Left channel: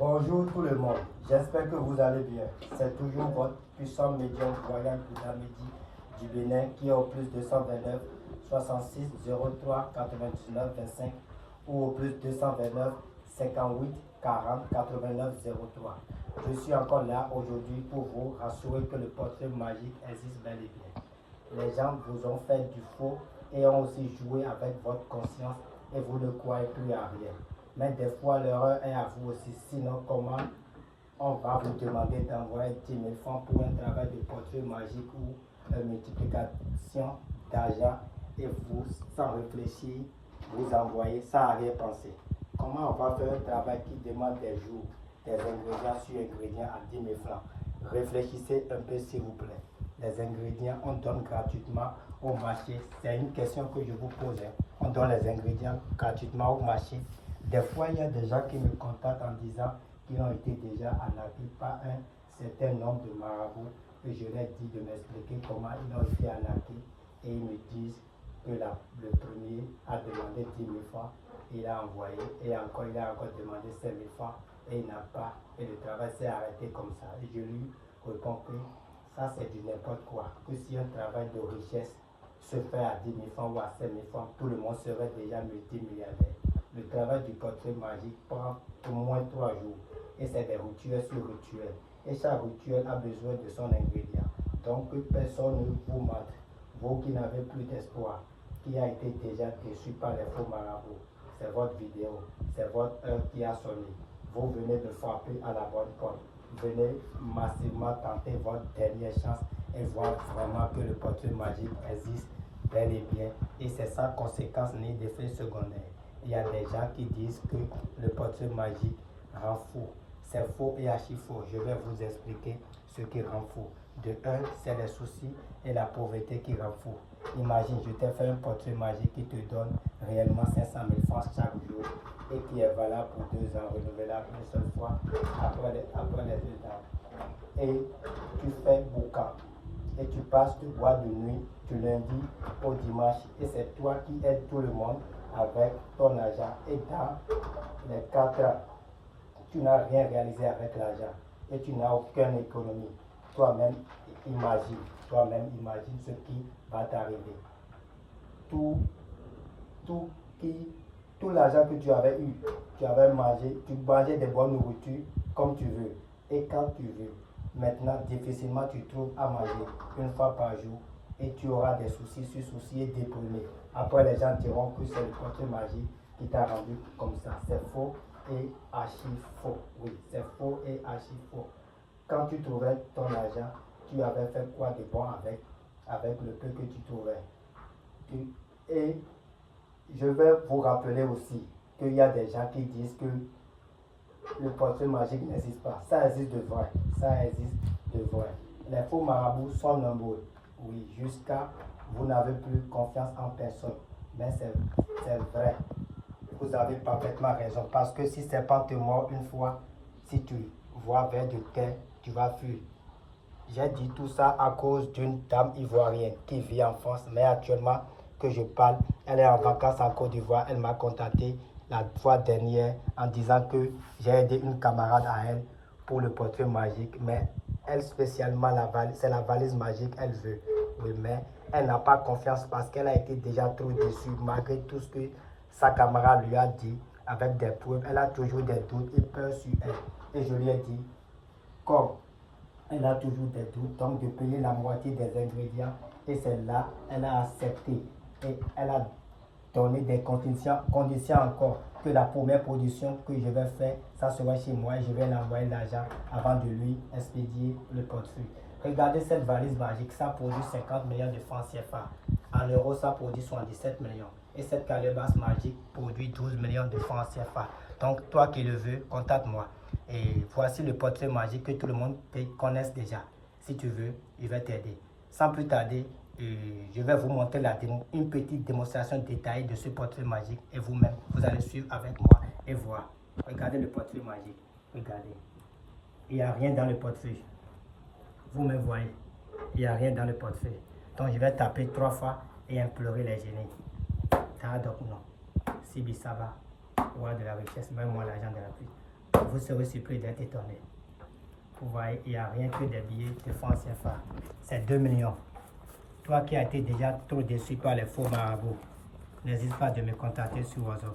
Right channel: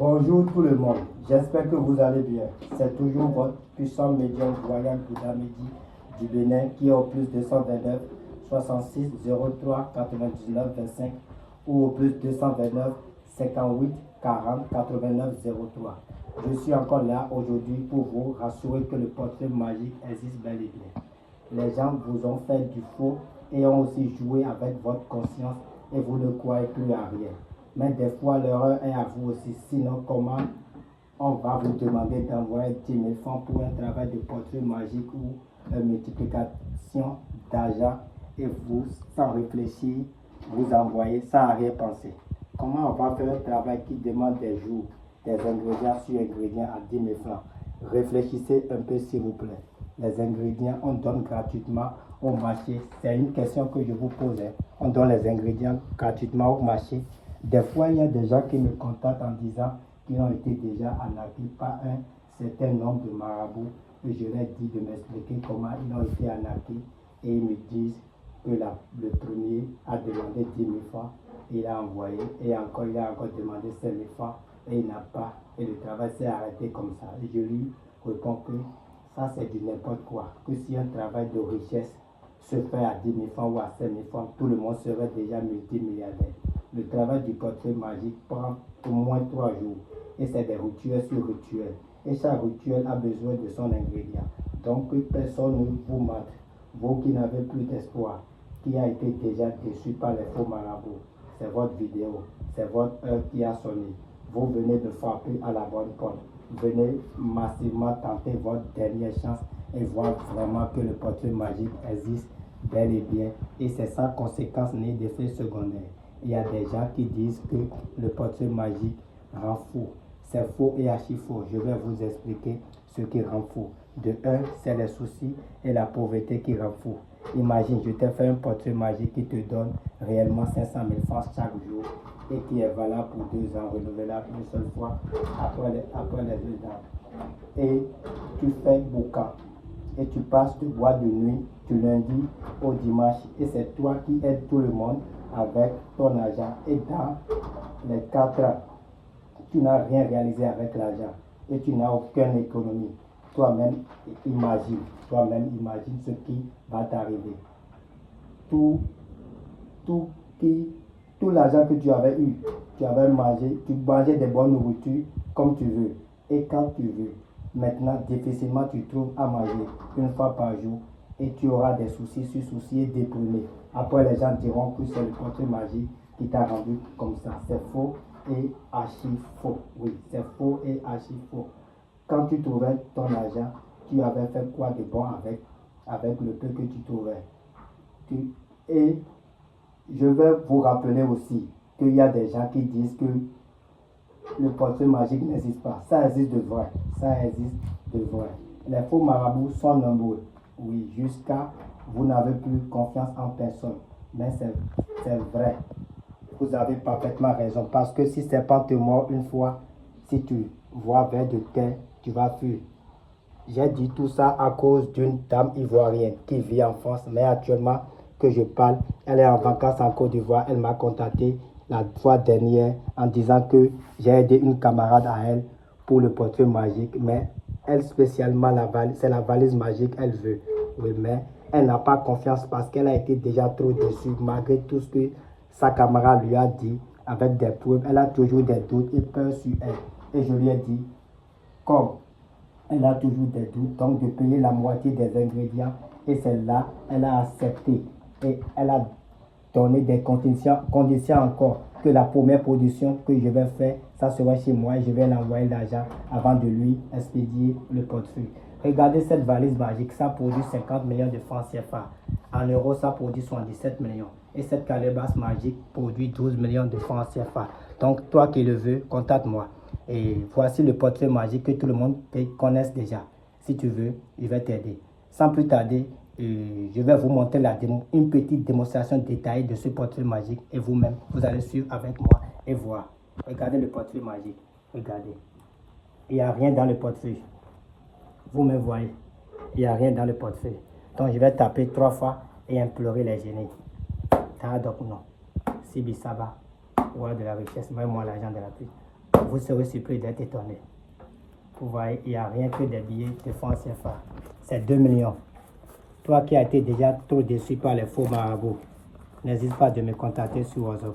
Bonjour tout le monde, j'espère que vous allez bien. C'est toujours votre puissant médium royal Bouddha Medi du Bénin qui est au plus 229 66 03 99 25 ou au plus 229 58 40 89 03. Je suis encore là aujourd'hui pour vous rassurer que le portrait magique existe bel et bien. Les gens vous ont fait du faux et ont aussi joué avec votre conscience et vous ne croyez plus à rien. Mais des fois, l'erreur est à vous aussi. Sinon, comment on va vous demander d'envoyer 10 000 francs pour un travail de portrait magique ou de multiplication d'argent et vous, sans réfléchir, vous envoyez sans rien penser. Comment on va faire un travail qui demande des jours, des ingrédients sur ingrédients à 10 000 francs? Réfléchissez un peu s'il vous plaît. Les ingrédients, on donne gratuitement au marché. C'est une question que je vous pose. On donne les ingrédients gratuitement au marché. Des fois, il y a des gens qui me contactent en disant qu'ils ont été déjà arnaqués par un certain nombre de marabouts. Et je leur dis de m'expliquer comment ils ont été arnaqués. Et ils me disent que le premier a demandé 10 000 francs. Il a envoyé. Et encore, il a encore demandé 5 000 francs. Et il n'a pas. Et le travail s'est arrêté comme ça. Et je lui réponds que ça, c'est du n'importe quoi. Que si un travail de richesse se fait à 10 000 francs ou à 5 000 francs, tout le monde serait déjà multimilliardaire. Le travail du portrait magique prend au moins 3 jours. Et c'est des rituels sur rituels. Et chaque rituel a besoin de son ingrédient. Donc personne ne vous mente. Vous qui n'avez plus d'espoir, qui a été déjà déçu par les faux marabouts, c'est votre vidéo, c'est votre heure qui a sonné. Vous venez de frapper à la bonne porte. Venez massivement tenter votre dernière chance et voir vraiment que le portrait magique existe bel et bien. Et c'est sans conséquence ni d'effet secondaire. Il y a des gens qui disent que le portrait magique rend fou. C'est faux et archi faux. Je vais vous expliquer ce qui rend fou. De un, c'est les soucis et la pauvreté qui rend fou. Imagine, je t'ai fait un portrait magique qui te donne réellement 500 000 francs chaque jour et qui est valable pour 2 ans, renouvelable une seule fois après les 2 ans. Et tu fais boucan et tu passes, tu bois de nuit du lundi au dimanche et c'est toi qui aides tout le monde avec ton argent. Et dans les 4 ans, tu n'as rien réalisé avec l'argent et tu n'as aucune économie. Toi-même imagine ce qui va t'arriver. Tout l'argent que tu avais eu, tu avais mangé, tu mangeais des bonnes nourritures comme tu veux et quand tu veux. Maintenant, difficilement tu trouves à manger une fois par jour et tu auras des soucis sur soucis et déprimé. Après, les gens diront que c'est le portrait magique qui t'a rendu comme ça. C'est faux et archi faux. Oui, c'est faux et archi faux. Quand tu trouvais ton argent, tu avais fait quoi de bon avec le peu que tu trouvais. Et je vais vous rappeler aussi qu'il y a des gens qui disent que le portrait magique n'existe pas. Ça existe de vrai. Ça existe de vrai. Les faux marabouts sont nombreux. Oui, jusqu'à vous n'avez plus confiance en personne. Mais c'est vrai. Vous avez parfaitement raison. Parce que si serpent te mord une fois, si tu vois vers de terre, tu vas fuir. J'ai dit tout ça à cause d'une dame ivoirienne qui vit en France, mais actuellement que je parle, elle est en vacances en Côte d'Ivoire. Elle m'a contacté la fois dernière en disant que j'ai aidé une camarade à elle pour le portrait magique, mais elle spécialement c'est la valise magique elle veut. Oui, mais elle n'a pas confiance parce qu'elle a été déjà trop déçue malgré tout ce que sa camarade lui a dit avec des preuves. Elle a toujours des doutes et peur sur elle. Et je lui ai dit, comme elle a toujours des doutes, donc de payer la moitié des ingrédients. Et celle-là, elle a accepté. Et elle a donné des conditions encore que la première production que je vais faire, ça sera chez moi et je vais l'envoyer l'argent avant de lui expédier le portefeuille. Regardez cette valise magique, ça produit 50 millions de francs CFA. En euros, ça produit 77 millions. Et cette calebasse magique produit 12 millions de francs CFA. Donc, toi qui le veux, contacte-moi. Et voici le portrait magique que tout le monde connaisse déjà. Si tu veux, il va t'aider. Sans plus tarder, je vais vous montrer une petite démonstration détaillée de ce portrait magique. Et vous-même, vous allez suivre avec moi et voir. Regardez le portrait magique. Regardez. Il n'y a rien dans le portefeuille. Vous-même voyez. Il n'y a rien dans le portefeuille. Donc, je vais taper 3 fois et implorer les génies. Taradok non. Sibi Saba. Roi de la richesse. Mets-moi l'argent de la pluie. vous serez surpris d'être étonné. Vous voyez, il n'y a rien que des billets de francs CFA. C'est 2 millions. Toi qui as été déjà trop déçu par les faux marabouts, n'hésite pas de me contacter sur WhatsApp.